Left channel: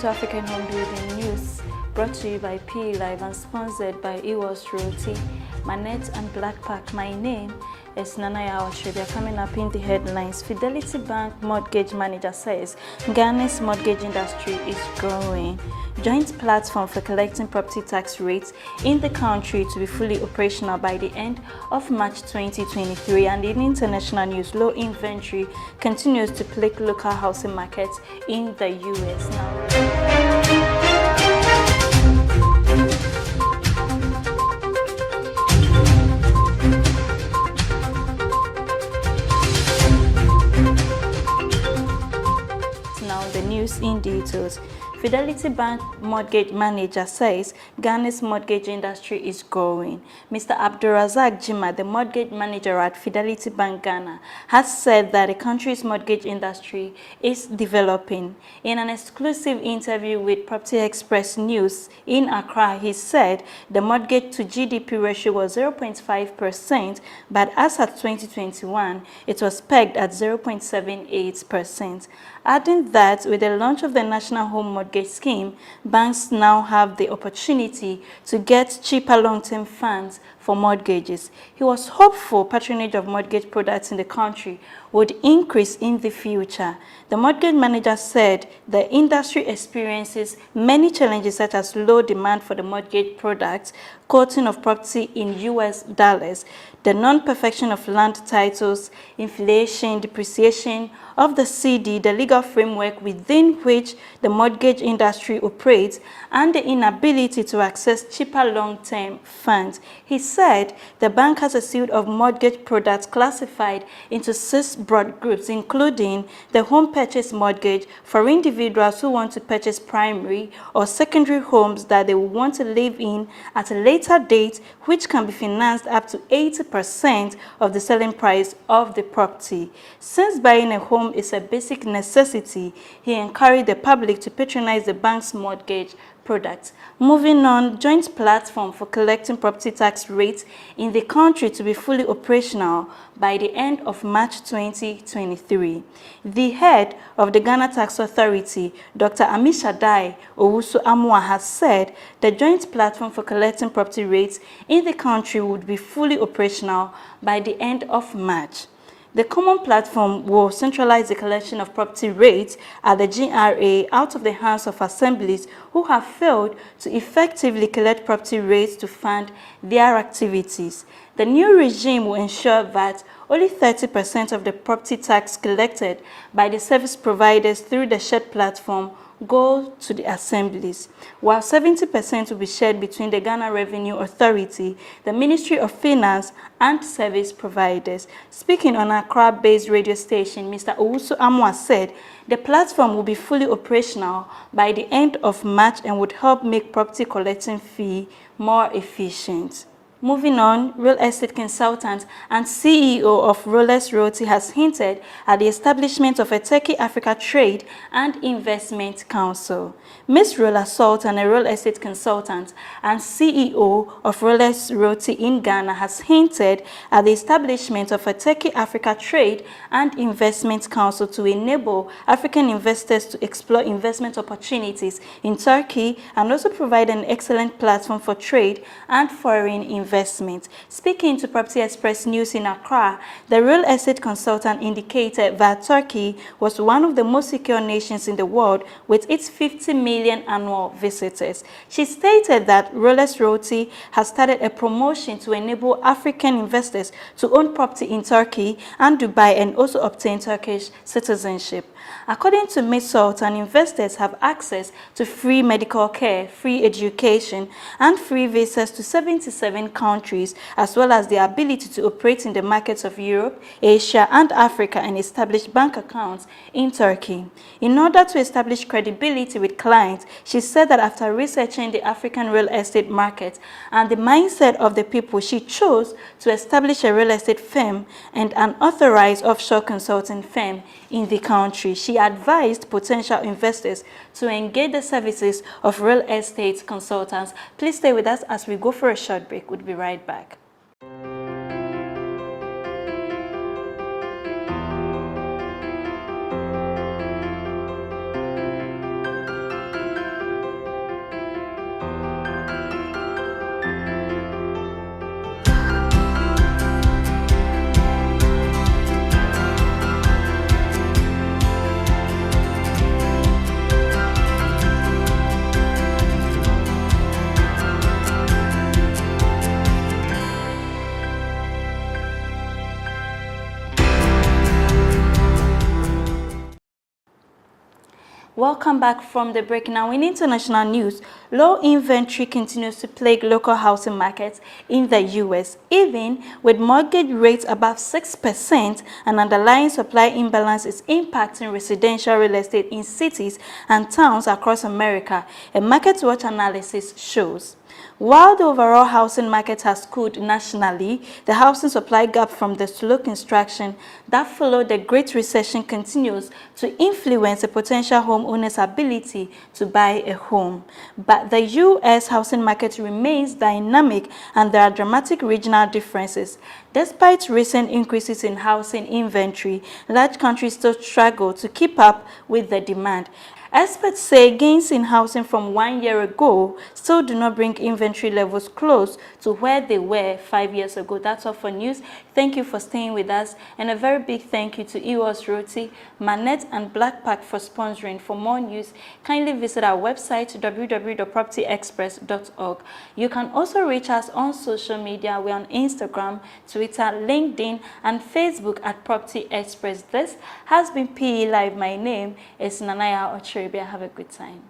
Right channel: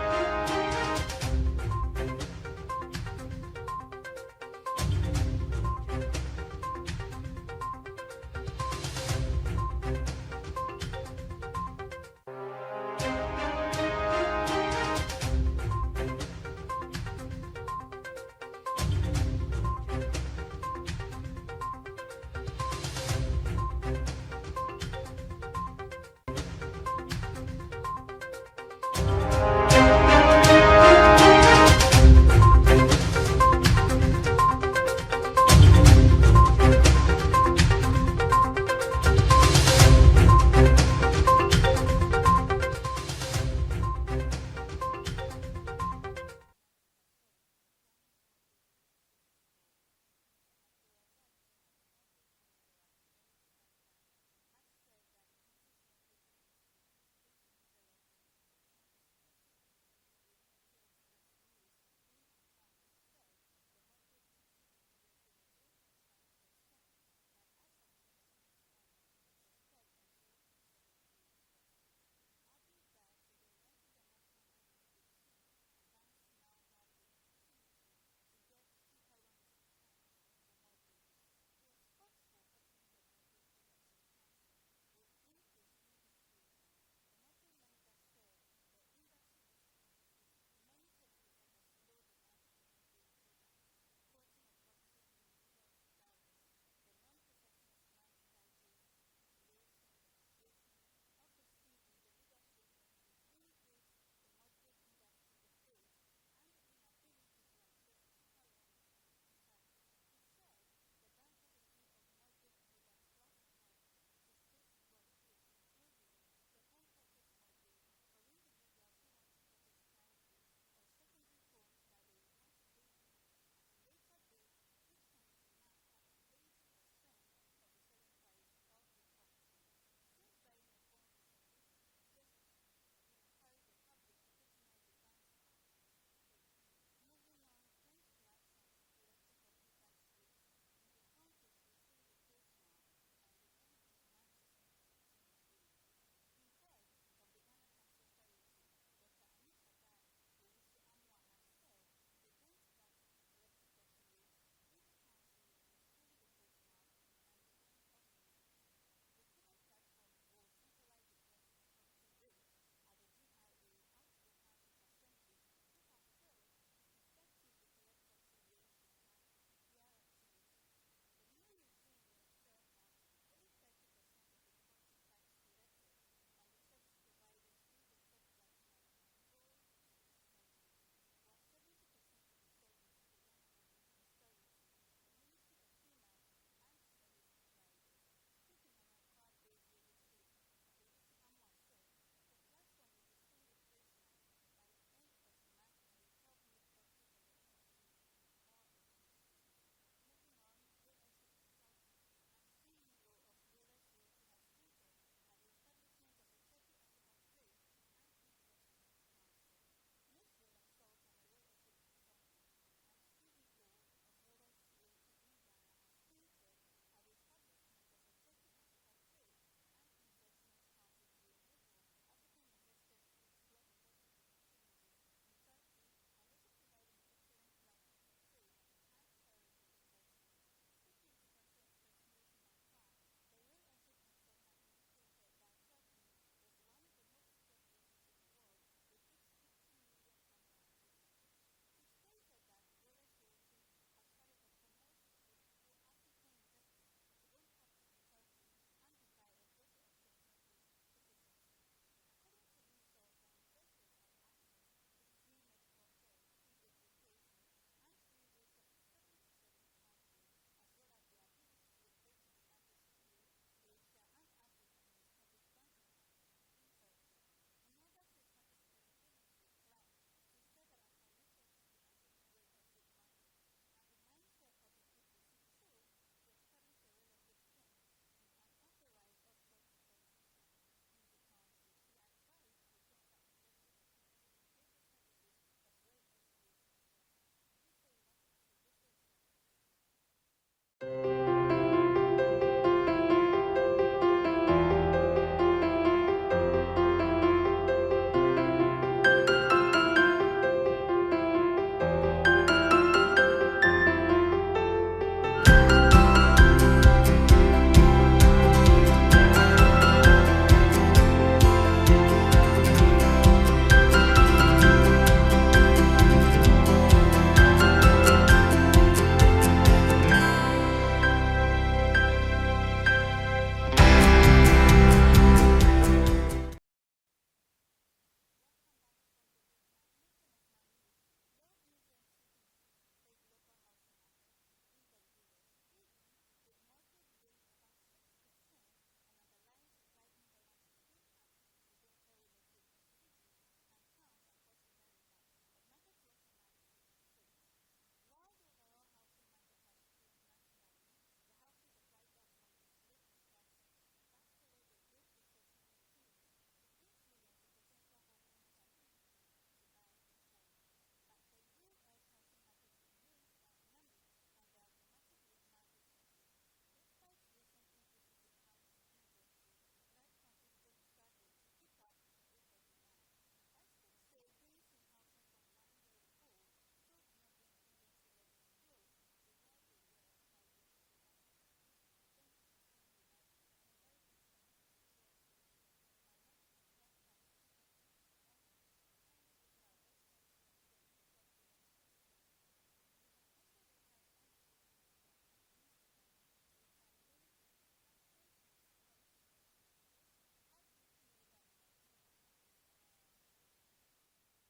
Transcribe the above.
to African Home Building News, brought to you by PE Live and sponsored by Ewos Realty, Manette and Blackpack. My name is Nanaya Oshede. Coming up in the headlines, Fidelity Bank mortgage manager says Ghana's mortgage industry is growing. Joint platform for collecting property tax rates in the country to be fully operational by the end of March 2023. And in international news, low inventory continues to plague local housing markets in the US. In details. Fidelity Bank mortgage manager says Ghana's mortgage industry is growing. Mr. Abdulrazak Jima, the mortgage manager at Fidelity Bank Ghana, has said that the country's mortgage industry is developing. In an exclusive interview with Property Express News in Accra, he said the mortgage to GDP ratio was 0.5%, but as at 2021, it was pegged at 0.78%. Adding that with the launch of the National Home Mortgage Scheme, banks now have the opportunity to get cheaper long-term funds for mortgages. He was hopeful patronage of mortgage products in the country would increase in the future. The mortgage manager said the industry experiences many challenges such as low demand for the mortgage products, quoting of property in US dollars, the non-perfection of land titles, inflation, depreciation of the CD, the legal framework within which the mortgage industry operates, and the inability to access cheaper long-term funds. He said the bank has a suite of mortgage products classified into 6 broad groups, including the home purchase mortgage for individuals who want to purchase primary or secondary homes that they will want to live in at a later date, which can be financed up to 80% of the selling price of the property. Since buying a home is a basic necessity, he encouraged the public to patronize the bank's mortgage products. Moving on, joint platform for collecting property tax rates in the country to be fully operational by the end of March 2023. The head of the Ghana Tax Authority, Dr. Amishadai Owusu-Amoah, has said the joint platform for collecting property rates in the country would be fully operational by the end of March. The common platform will centralize the collection of property rates at the GRA out of the hands of assemblies who have failed to effectively collect property rates to fund their activities. The new regime will ensure that only 30% of the property tax collected by the service providers through the shared platform go to the assemblies, while 70% will be shared between the Ghana Revenue Authority, the Ministry of Finance, and service providers. Speaking on Accra-based radio station, Mr. Owusu-Amoah said the platform will be fully operational by the end of March and would help make property collecting fee more efficient. Moving on, real estate consultant and CEO of Rolex Realty has hinted at the establishment of a Turkey-Africa Trade and Investment Council. Ms. Rola Sultan, a real estate consultant and CEO of Rolex Realty in Ghana, has hinted at the establishment of a Turkey-Africa Trade and Investment Council to enable African investors to explore investment opportunities in Turkey and also provide an excellent platform for trade and foreign investment. Speaking to Property Express News in Accra, the real estate consultant indicated that Turkey was one of the most secure nations in the world with its 50 million annual visitors. She stated that Rolex Realty has started a promotion to enable African investors to own property in Turkey and Dubai and also obtain Turkish citizenship. According to Ms. Sultan, investors have access to free medical care, free education, and free visas to 77 countries, as well as the ability to operate in the markets of Europe, Asia, and Africa and establish bank accounts in Turkey. In order to establish credibility with clients, she said that after researching the African real estate market and the mindset of the people, she chose to establish a real estate firm and an authorized offshore consulting firm in the country. She advised potential investors to engage the services of real estate consultants. Please stay with us as we go for a short break. We'll be right back. Welcome back from the break. Now, in international news, low inventory continues to plague local housing markets in the U.S., even with mortgage rates above 6%, and underlying supply imbalance is impacting residential real estate in cities and towns across America, a MarketWatch analysis shows. While the overall housing market has cooled nationally, the housing supply gap from the slow construction that followed the Great Recession continues to influence a potential homeowner's ability to buy a home. But the U.S. housing market remains dynamic and there are dramatic regional differences. Despite recent increases in housing inventory, large countries still struggle to keep up with the demand. Experts say gains in housing from 1 year ago still do not bring inventory levels close to where they were 5 years ago. That's all for news. Thank you for staying with us, and a very big thank you to EOS Roti, Manette, and Blackpack for sponsoring. For more news, kindly visit our website www.propertyexpress.org. You can also reach us on social media. We're on Instagram, Twitter, LinkedIn, and Facebook at Property Express. This has been PE Live. My name is Nanaya Ochiribia. Have a good time.